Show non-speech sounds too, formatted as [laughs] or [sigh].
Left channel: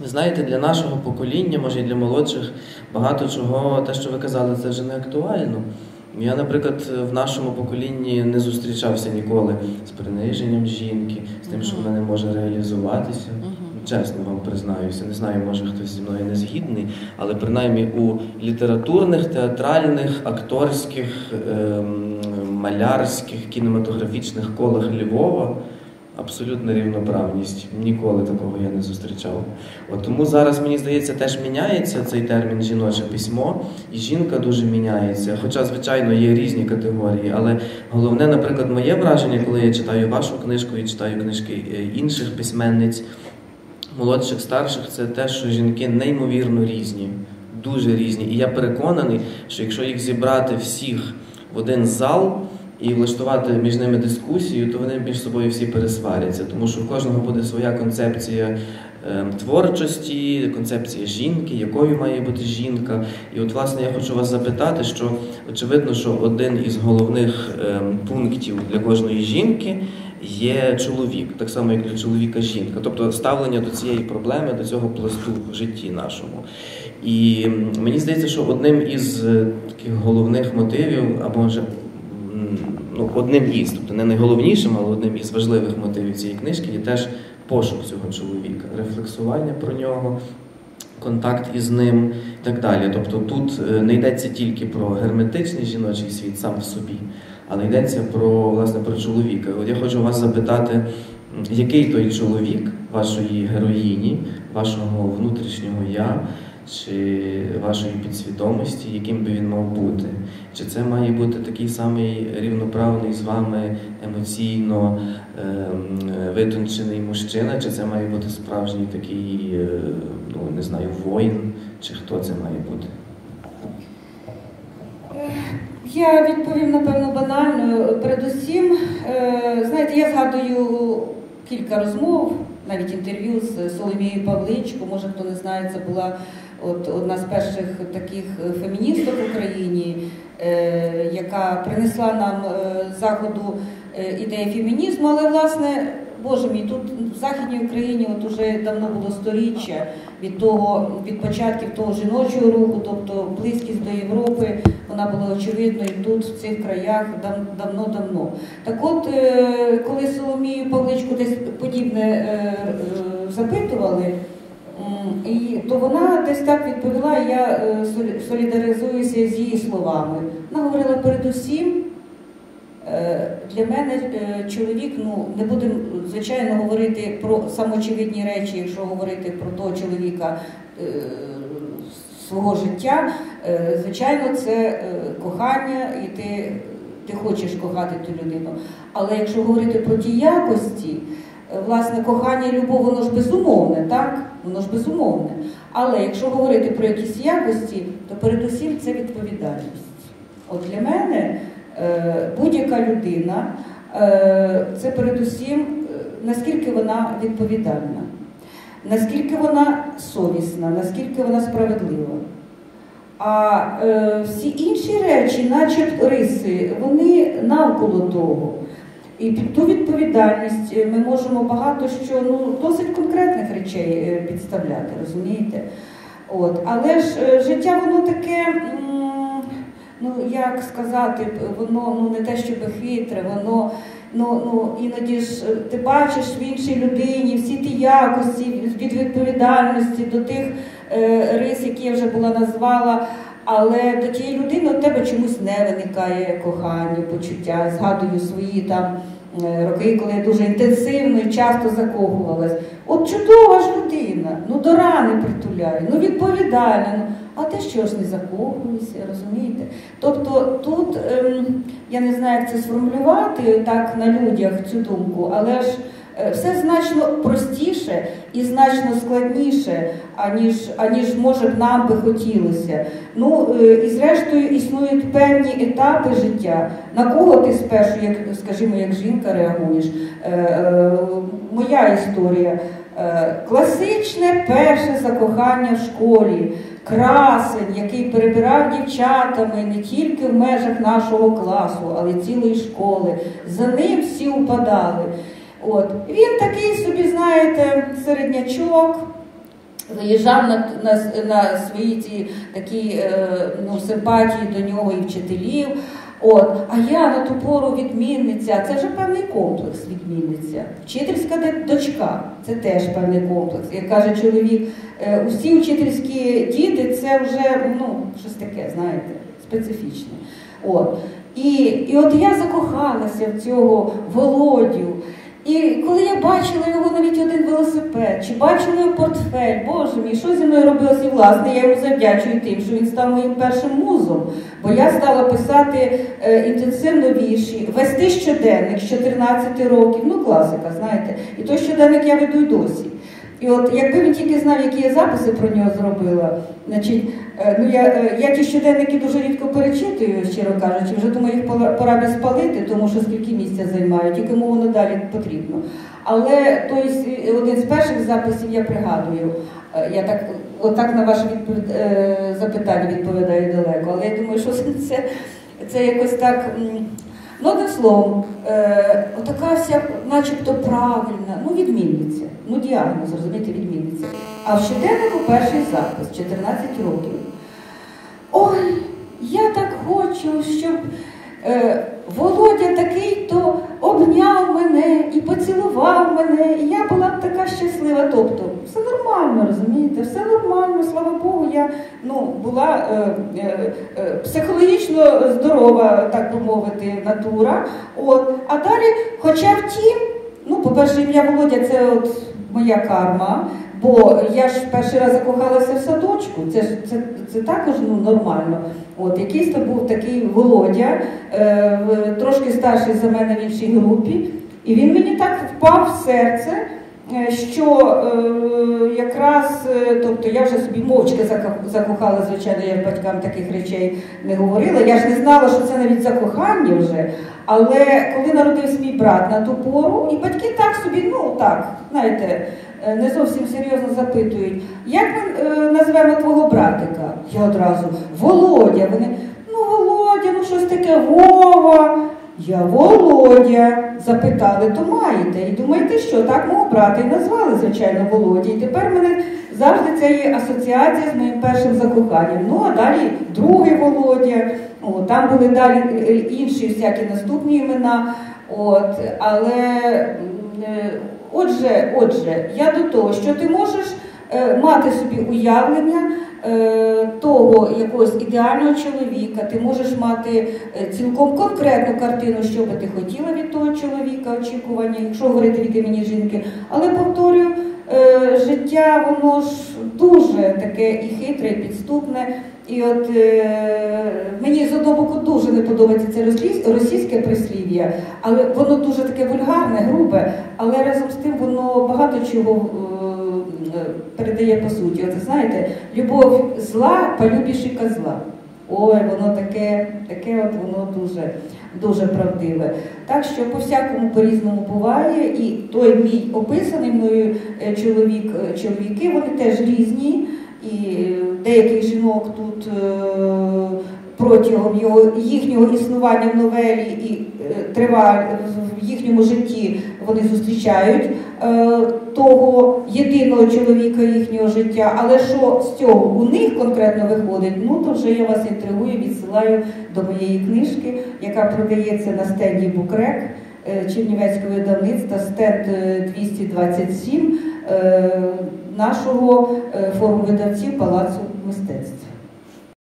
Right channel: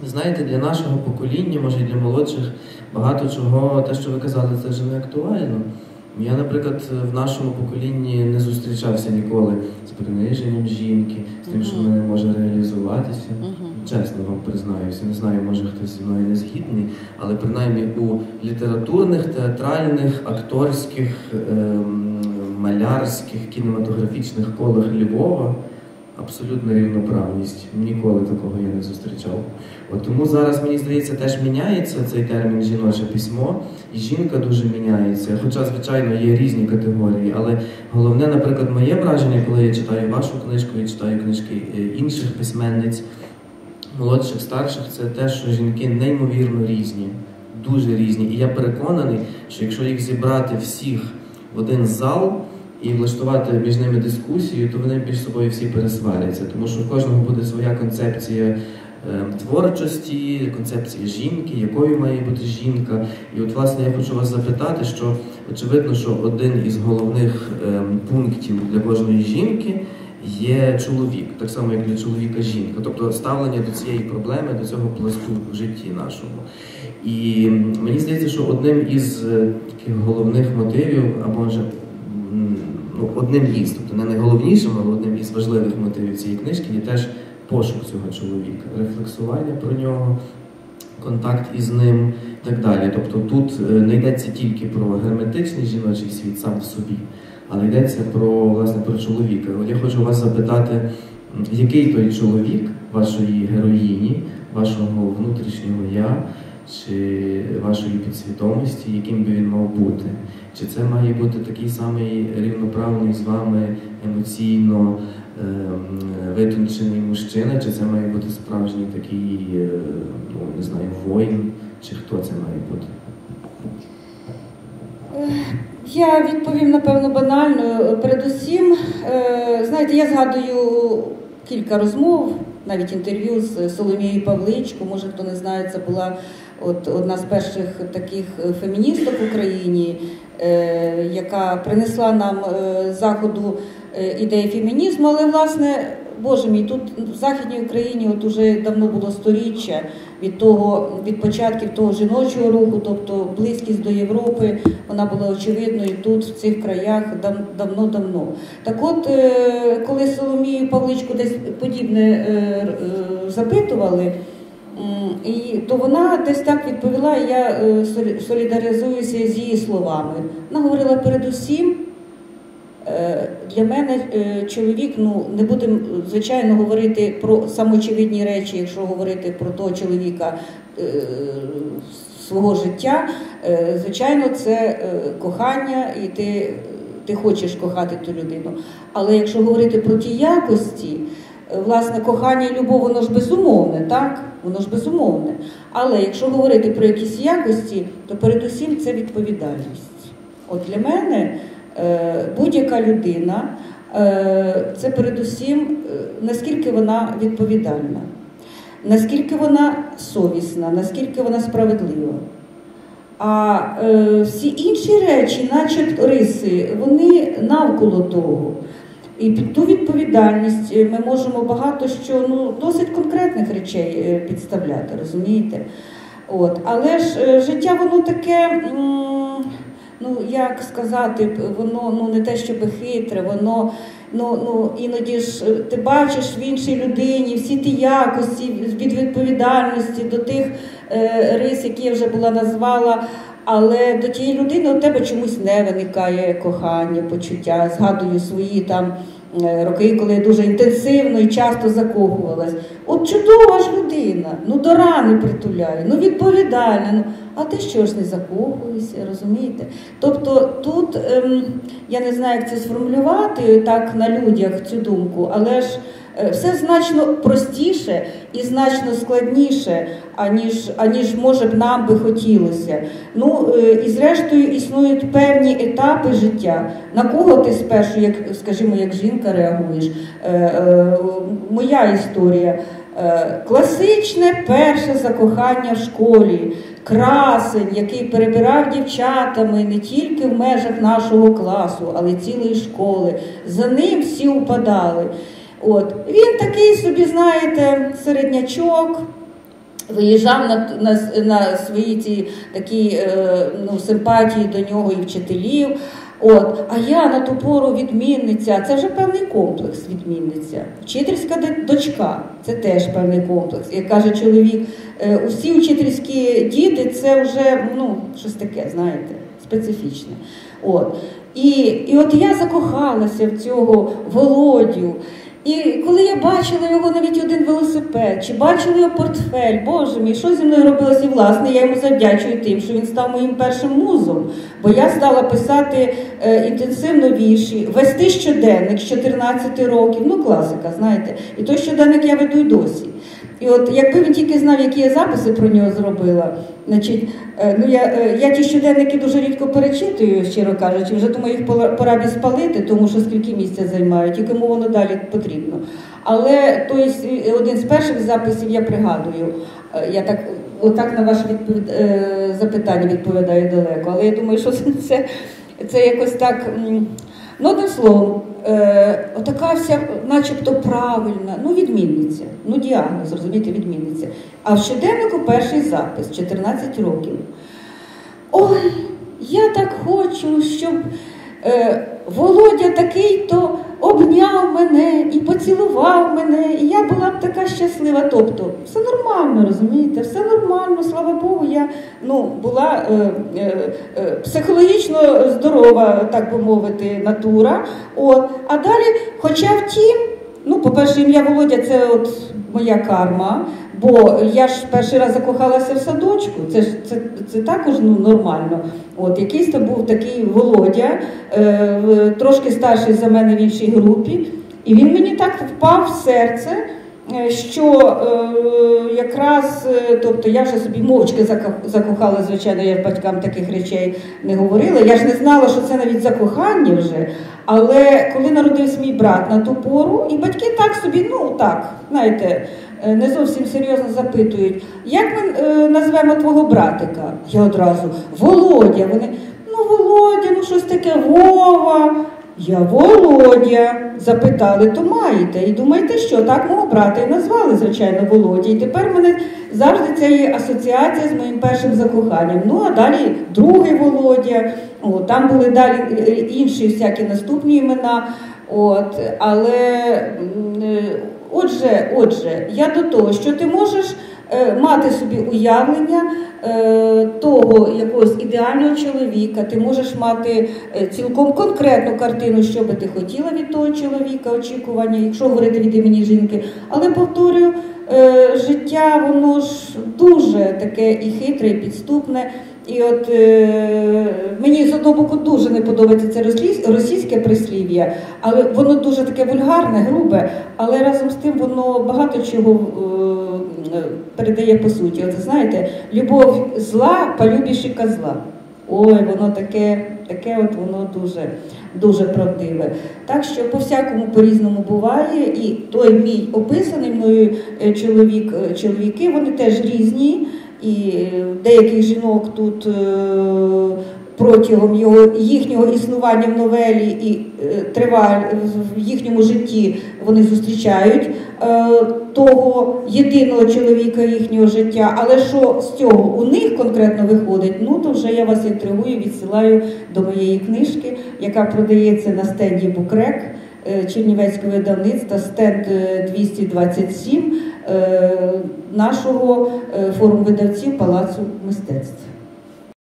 Ви знаєте, для нашого покоління, може і для молодших, багато чого, те, що ви казали, це вже не актуально. Я, наприклад, в нашому поколінні не зустрічався ніколи з приниженням жінки, з тим, що вона не може реалізуватися. Чесно вам признаюся, не знаю, може хтось зі мною не згідний, але принаймні у літературних, театральних, акторських, ем, малярських, кінематографічних колах Львова абсолютна рівноправність. Ніколи такого я не зустрічав. От Тому зараз, мені здається, теж міняється цей термін жіноче письмо, і жінка дуже міняється. Хоча, звичайно, є різні категорії, але головне, наприклад, моє враження, коли я читаю вашу книжку і читаю книжки е, інших письменниць, молодших, старших, це те, що жінки неймовірно різні. Дуже різні. І я переконаний, що якщо їх зібрати всіх в один зал, і влаштувати між ними дискусію, то вони між собою всі пересваряться, тому що в кожного буде своя концепція е, творчості, концепція жінки, якою має бути жінка. І от, власне, я хочу вас запитати, що очевидно, що один із головних е, пунктів для кожної жінки. Є чоловік, так само як для чоловіка жінка, тобто ставлення до цієї проблеми, до цього пласту в житті нашому. І мені здається, що одним із е, таких головних мотивів, або може ну, одним із, тобто не найголовнішим, але одним із важливих мотивів цієї книжки є теж пошук цього чоловіка, рефлексування про нього, контакт із ним і так далі. Тобто тут е, не йдеться тільки про герметичний жіночий світ сам в собі, але йдеться про власне про чоловіка. От я хочу вас запитати, який той чоловік вашої героїні, вашого внутрішнього я чи вашої підсвідомості, яким би він мав бути. Чи це має бути такий самий рівноправний з вами емоційно е, витончений мужчина, чи це має бути справжній такий, е, ну не знаю, воїн, чи хто це має бути? Я відповім, напевно, банально. Передусім, е, знаєте, я згадую кілька розмов, навіть інтерв'ю з Соломією Павличко, може хто не знає, це була от одна з перших таких феміністок в Україні, е, яка принесла нам е, заходу е, ідеї фемінізму, але власне. Боже мій, тут в Західній Україні от уже давно було сторіччя від того, від початків того жіночого руху, тобто близькість до Європи, вона була очевидною тут, в цих краях, давно-давно. Так от, коли Соломію Павличку десь подібне запитували, і то вона десь так відповіла, я е, солідаризуюся з її словами. Вона говорила передусім, е, для мене е, чоловік, ну не будемо звичайно говорити про самоочевидні речі, якщо говорити про того чоловіка свого життя, звичайно, це кохання, і ти, ти хочеш кохати ту людину. Але якщо говорити про ті якості, власне, кохання і любов, воно ж безумовне, так? Воно ж безумовне. Але якщо говорити про якісь якості, то передусім це відповідальність. От для мене е, будь-яка людина е, це передусім, е, наскільки вона відповідальна, наскільки вона совісна, наскільки вона справедлива. А всі інші речі, начебто риси, вони навколо того. І під ту відповідальність е, ми можемо багато що ну, досить конкретних речей е, підставляти, розумієте? От. Але ж е, життя воно таке, ну як сказати, воно ну, не те, щоб хитре, воно ну, ну, іноді ж ти бачиш в іншій людині всі ті якості від відповідальності до тих е, рис, які я вже була назвала. Але до тієї людини у тебе чомусь не виникає кохання, почуття. Згадую свої там е, роки, коли я дуже інтенсивно і часто закохувалась. От чудова ж людина, ну до рани притуляє, ну відповідальна. А ти що ж не закохуєшся, розумієте? Тобто тут ем, я не знаю, як це сформулювати так на людях цю думку, але ж. Е, все значно простіше і значно складніше, аніж аніж може б нам би хотілося. Ну е, і зрештою існують певні етапи життя. На кого ти спершу, як скажімо, як жінка реагуєш? Е, моя історія. Класичне перше закохання в школі, красень, який перебирав дівчатами не тільки в межах нашого класу, але й цілої школи. За ним всі упадали. От. Він такий собі, знаєте, середнячок, Виїжджав на, на, на свої ці такі е, ну, симпатії до нього і вчителів. От, а я на ту пору відмінниця. Це вже певний комплекс відмінниця. Вчительська дочка це теж певний комплекс. Як каже чоловік, е, усі вчительські діти це вже ну, щось таке, знаєте, специфічне. От. І, і от я закохалася в цього Володю. І коли я бачила його навіть один велосипед, чи бачила його портфель, боже мій, що зі мною робилось? і власне, я йому завдячую тим, що він став моїм першим музом. Бо я стала писати е, інтенсивно вірші, вести щоденник з 14 років, ну класика, знаєте. І той щоденник я веду й досі. І от якби він тільки знав, які я записи про нього зробила, значить, е, ну я, е, я ті щоденники дуже рідко перечитую, щиро кажучи, вже думаю, їх пора- би спалити, тому що скільки місця займають і кому воно далі потрібно. Але той один з перших записів я пригадую. Е, Я так отак на ваше відповід... е, запитання відповідаю далеко. Але я думаю, що [laughs] це, це якось так. Ну, одним словом, е, отака вся, начебто правильна, ну відмінниця, ну діагноз, розумієте, відмінниця. А в щоденнику перший запис 14 років. Ой, я так хочу, щоб е, Володя такий-то обняв мене і поцілував мене, і я була б така щаслива. Тобто, все нормально, розумієте, все нормально, слава Богу, я ну, була е, е, е, психологічно здорова, так би мовити, натура. От. А далі, хоча втім, ну, по-перше, ім'я Володя це от моя карма. Бо я ж перший раз закохалася в садочку, це ж це, це також ну, нормально. От якийсь то був такий Володя, е, трошки старший за мене в іншій групі, і він мені так впав в серце, що е, якраз, е, тобто я вже собі мовчки зако- закохала, звичайно, я батькам таких речей не говорила. Я ж не знала, що це навіть закохання вже. Але коли народився мій брат на ту пору, і батьки так собі, ну так, знаєте, е, не зовсім серйозно запитують, як ми е, назвемо твого братика? Я одразу Володя. Вони, ну Володя, ну щось таке Вова. Я Володя. Запитали, то маєте. І думаєте, що так мого брата і назвали, звичайно, Володя. І тепер мене завжди це є асоціація з моїм першим закоханням. Ну а далі другий Володя. О, там були далі інші всякі наступні імена. От, але е, отже, отже, я до того, що ти можеш мати собі уявлення е, того якогось ідеального чоловіка, ти можеш мати е, цілком конкретну картину, що би ти хотіла від того чоловіка, очікування, якщо говорити від імені жінки. Але повторюю, е, життя воно ж дуже таке і хитре, і підступне. І от е, мені з одного боку дуже не подобається це російське прислів'я, але воно дуже таке вульгарне, грубе, але разом з тим воно багато чого е, передає по суті. От знаєте, любов зла, полюбіші козла. Ой, воно таке, таке от воно дуже, дуже правдиве. Так що по-всякому по-різному буває, і той мій описаний мною е, чоловік, е, чоловіки, вони теж різні. І е, деяких жінок тут протягом його, їхнього існування в новелі і е, триваль в їхньому житті вони зустрічають е, того єдиного чоловіка їхнього життя. Але що з цього у них конкретно виходить, ну то вже я вас інтригую, відсилаю до моєї книжки, яка продається на стенді Букрек. е, Чернівецького видавництва стенд е, 227 е, нашого форуму видавців Палацу мистецтв.